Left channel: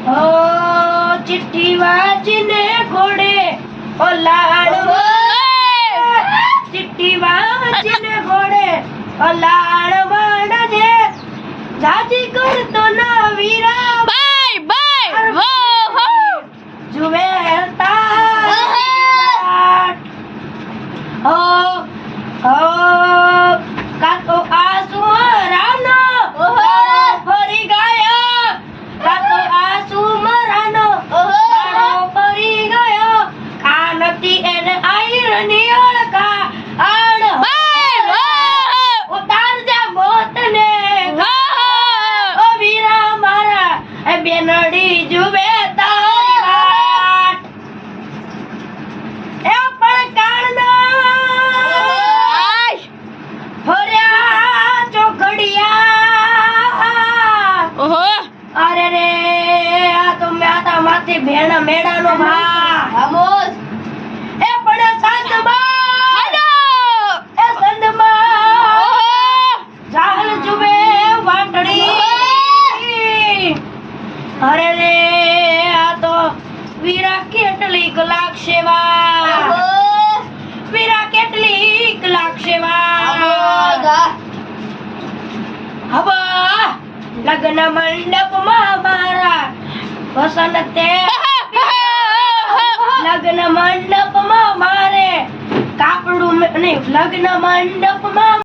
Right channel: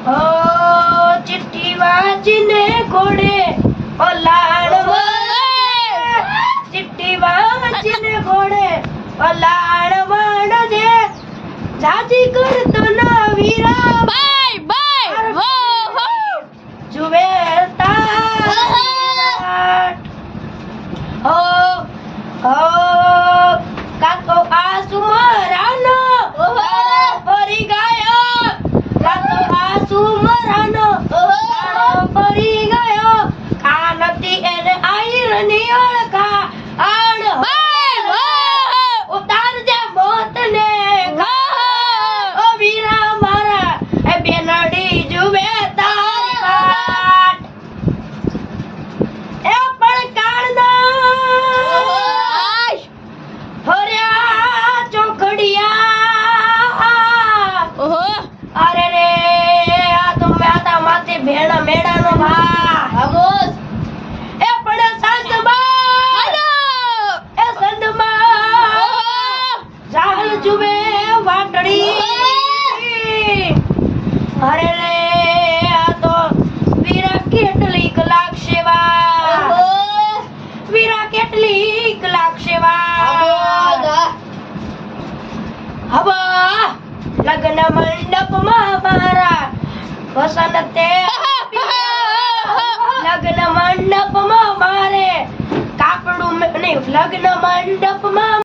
ਓ ਚਿੱਠੀ ਵਾਜਨੇ ਘੋੜੇ ਓ ਲਾੜ ਚਿੱਠੀ ਵਾਜਨੇ ਘੋੜੇ ਓ ਲਾੜ ਵੜ ਜੇ ਜਾਜੀ ਕਰ ਤੋ ਨਾ ਵੀਰਾ ਬਾਈ ਬਾਈ ਵੋ ਹੋ ਜੁਵੇ ਤਾ ਓ ઓહો. અરે રે આ તો માતા માથે ભેણ મેળાનો ભા આમોસ એ પણ સંતમાં હાલો. એ સંતમાં ઓહો. જાળ જુબે વાટડી. અરે રે આ તો વીરા કેટલી લગ્ન મંડપમાં મારા. વસંતે લગ્ન મંડપમાં મારે. કાપડું નહીં લગ્ન મંડપમાં